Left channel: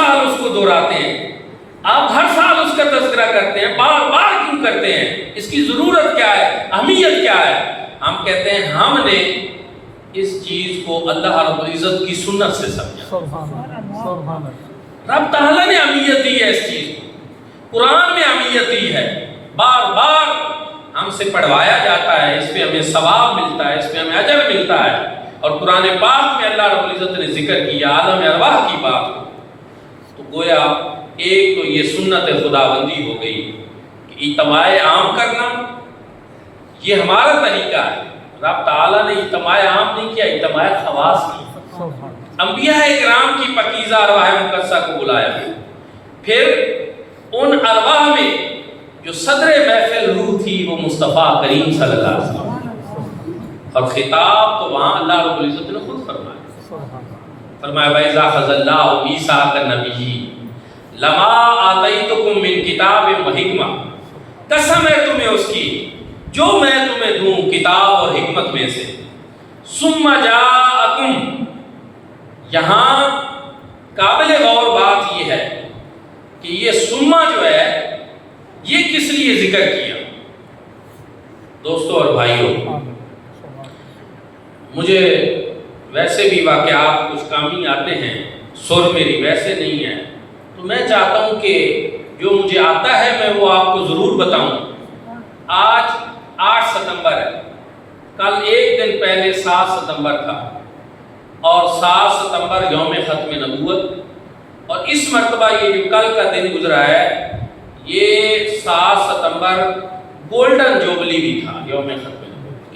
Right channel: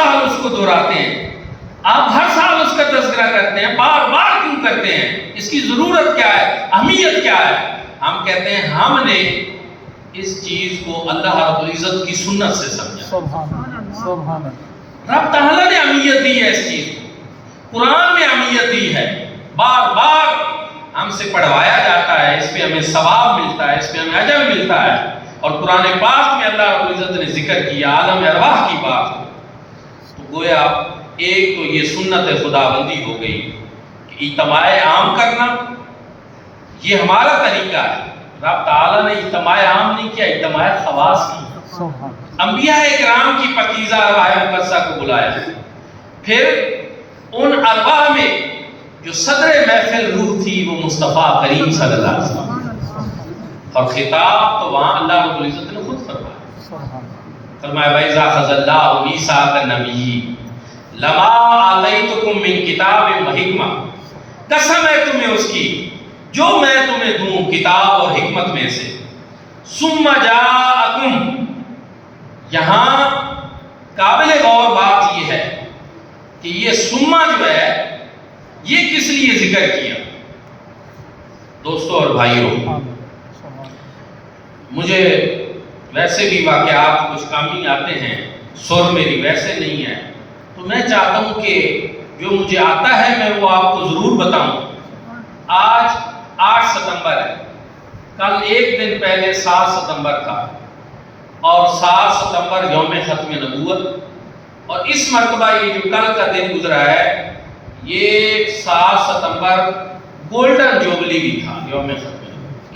سال اس کو دہراتے ہیں، آپ ہر سال اس کا تذکرہ کرتے ہیں، بار بار کیوں کرتے ہیں؟ اس کی ضرورت کیا ہے؟ اہمیت کیا ہے؟ ہم کہتے ہیں ہم نے اس چیز کو اللہ رب العزت کی سنت سے سمجھا۔ سبحان اللہ، سبحان اللہ۔ رب تعالیٰ نے اہمیت دی ہے اس چیز کو، قرآن میں اہمیت دی ہے، بار بار ہم سے پڑھوایا جاتا ہے، اس پہ ہمیں ثواب ملتا ہے، اس پہ ہمیں اجر ملتا ہے۔ اور قرآن پاک میں اللہ رب العزت نے ذکر کیا عالم ارواح کی بات، تو گویا ایک تو یہ سنت خداوندی ہو گئی کہ اجتماع عام کرنا، یہ ہمارا طریقہ ہے۔ رب تعالیٰ نے اجتماع عام نہیں کیا، اجتماع خواص کی۔ انبیاء اکرام کی پاکیزہ ارواح مقدسہ کو بلایا، پھر ان ارواح میں جو صدر محفل روح تھی وہ مصطفیٰ کریم صلی اللہ علیہ وسلم، اور خطاب تو وہاں اللہ رب العزت نے خود فرمایا، فرمایا وَإِذَا أَخَذَ اللَّهُ مِيثَاقَ النَّبِيِّينَ لَمَا آتَيْتُكُم مِّن کتاب وحکمہ، قسم ہے تمہیں اس کی جو میں تمہیں دوں کتاب اور حکمت میں سے، ثُمَّ جَاءَكُم، یہاں قابل غور بات یہ ہے کہ یہ سما جو ہے یہ کس لیے ذکر کیا؟ دوستو اور بھائیوں، مجھے ویسے بھی واقعات کچھ کام ہی آتے ہیں، سر میری ویسے نہیں ہے، تو میں چاہتا ہوں کہ جو مجھے آتا ہے میں وہ آپ کو ضرور بتاؤں۔ آج 8 ستمبر ہے، کل ایک دن پہلے 7 ستمبر تھا، اور 7 ستمبر یوم ختم نبوت، اور اس مرتبہ یہ جو کل کا دن گزرا ہے یہ 7 ستمبر گولڈن جوبلی بھی تھا، یوم ختم